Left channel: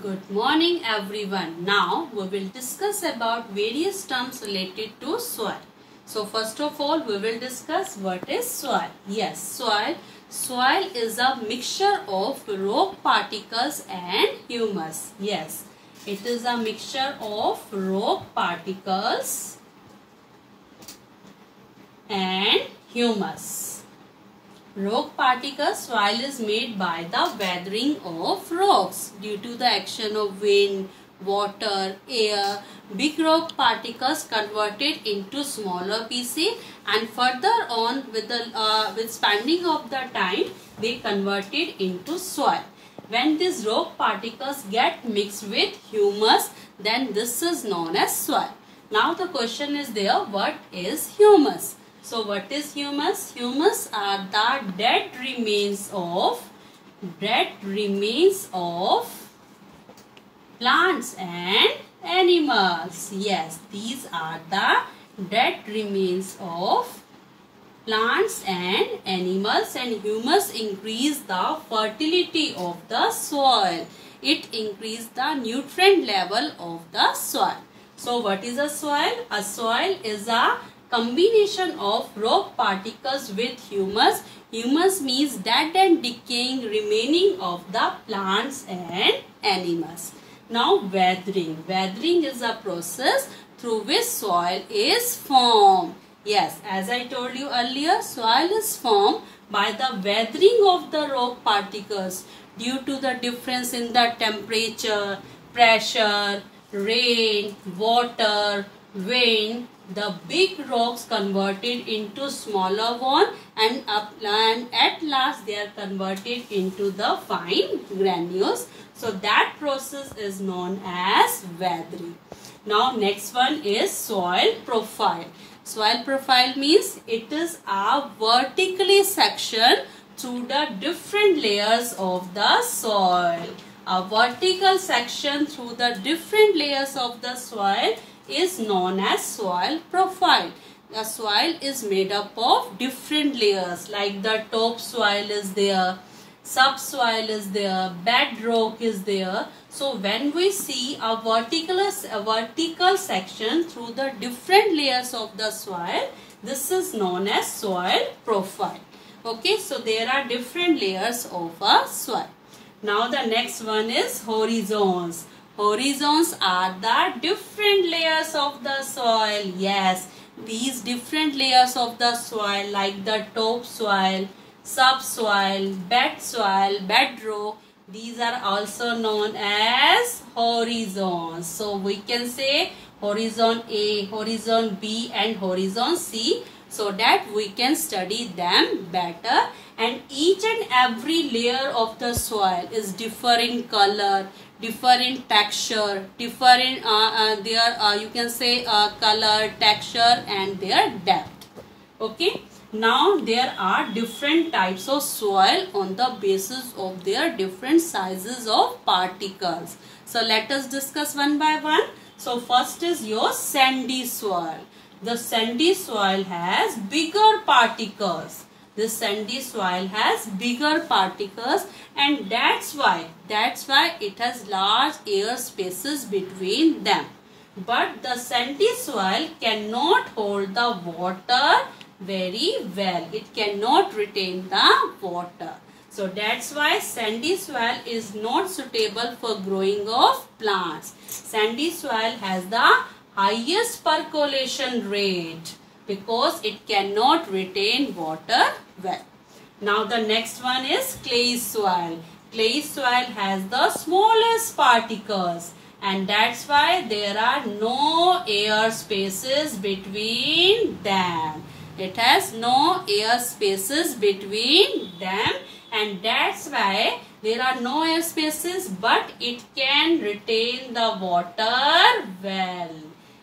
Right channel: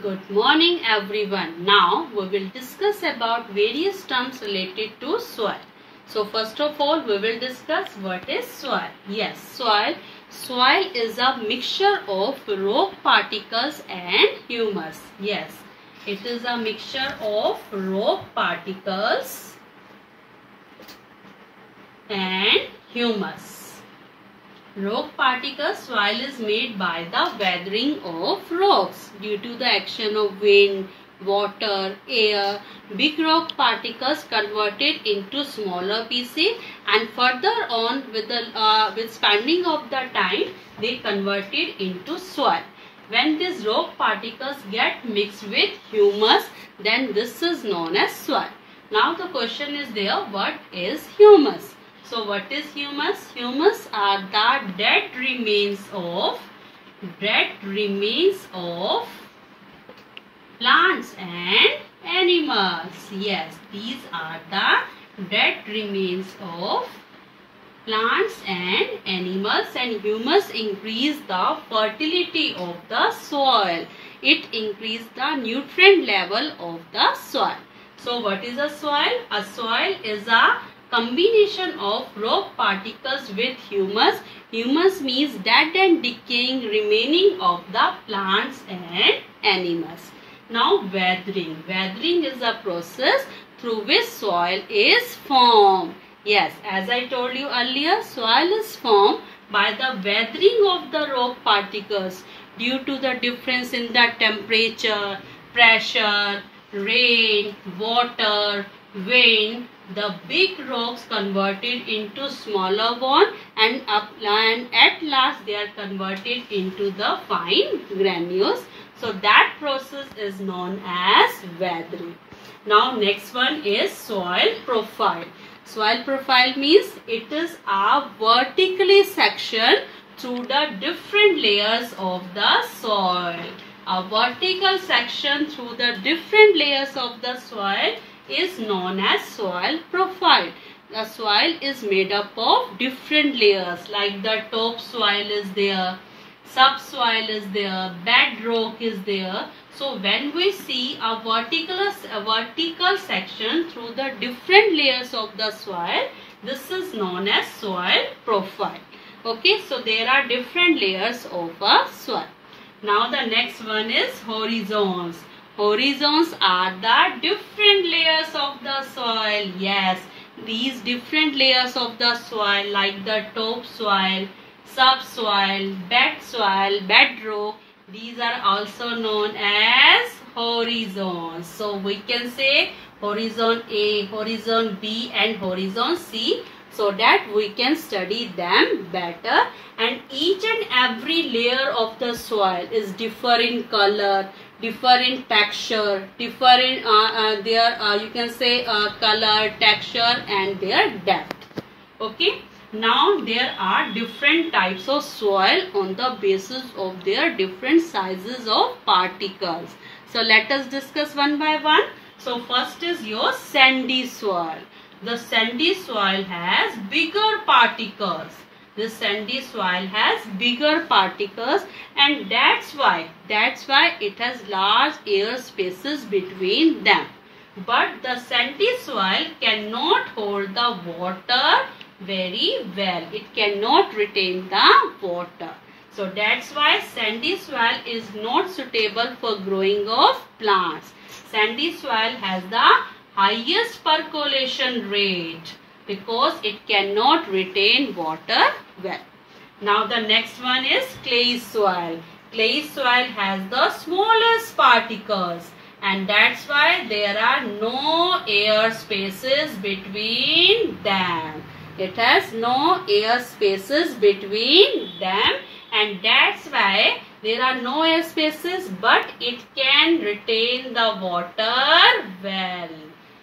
Good morning everyone. Now we will discuss about various terms related to soil. So first of all we will discuss what is soil. Yes, soil is a mixture of rock particles and humus. Yes, it is a mixture of rock particles and humus. Rock particles. Soil is made by the weathering of rocks due to the action of wind, water, air. Big rock particles converted into smaller pieces, and further on with spending of the time they converted into soil. When these rock particles get mixed with humus, then this is known as soil. Now the question is there, what is humus? So what is humus? Humus are the dead remains of plants and animals. Yes, these are the dead remains of plants and animals, and humus increase the fertility of the soil. It increase the nutrient level of the soil. So what is a soil? A soil is a combination of rock particles with humus. Humus means dead and decaying remaining of the plants and animals. Now weathering. Weathering is a process through which soil is formed. Yes, as I told you earlier, soil is formed by the weathering of the rock particles due to the difference in the temperature, pressure, rain, water, wind. The big rocks converted into smaller one, and at last they are converted into the fine granules. So that process is known as weathering. Now next one is soil profile. Soil profile means it is a vertically section through the different layers of the soil. A vertical section through the different layers of the soil is known as soil profile. The soil is made up of different layers, like the top soil is there, subsoil is there, bedrock is there. So when we see a vertical section through the different layers of the soil, this is known as soil profile. Okay, so there are different layers of a soil. Now the next one is horizons. Horizons are the different layers of the soil. Yes, these different layers of the soil, like the top soil, subsoil, bed soil, bedrock, these are also known as horizons. So we can say horizon A, horizon B and horizon C, so that we can study them better. And each and every layer of the soil is different in color, different texture, different you can say color, texture and their depth. Okay. Now there are different types of soil on the basis of their different sizes of particles. So let us discuss one by one. So first is your sandy soil. The sandy soil has bigger particles. The sandy soil has bigger particles, and that's why it has large air spaces between them. But the sandy soil cannot hold the water very well. It cannot retain the water. So that's why sandy soil is not suitable for growing of plants. Sandy soil has the highest percolation rate because it cannot retain water well. Now the next one is clay soil. Clay soil has the smallest particles, and that's why there are no air spaces between them. It has no air spaces between them, and that's why there are no air spaces, but it can retain the water well.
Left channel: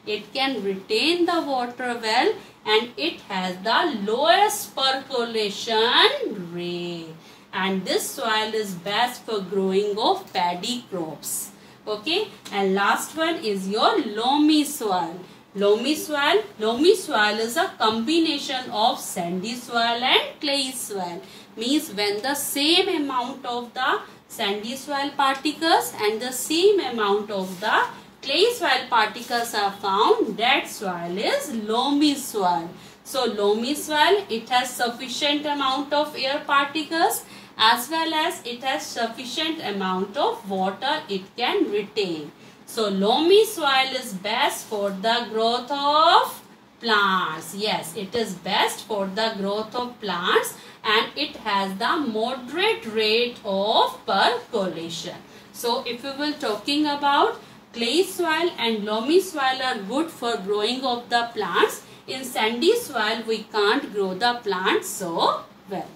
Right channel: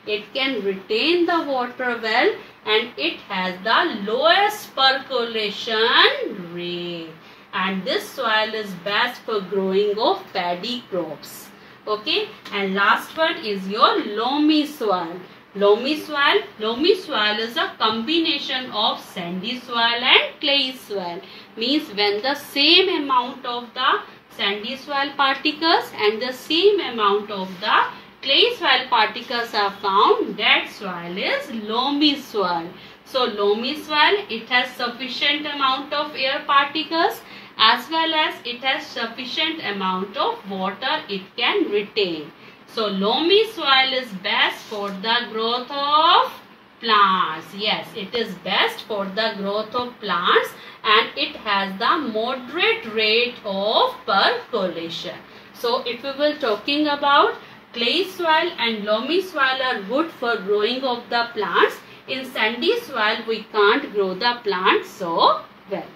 It can retain the water well, and it has the lowest percolation rate. And this soil is best for growing of paddy crops. Okay, and last one is your loamy soil. Loamy soil is a combination of sandy soil and clay soil. Means when the same amount of the sandy soil particles and the same amount of the clay soil particles are found, that soil is loamy soil. So loamy soil, it has sufficient amount of air particles as well as it has sufficient amount of water it can retain. So loamy soil is best for the growth of plants. Yes, it is best for the growth of plants and it has the moderate rate of percolation. So if we were talking about clay soil and loamy soil are good for growing of the plants, in sandy soil we can't grow the plants so well.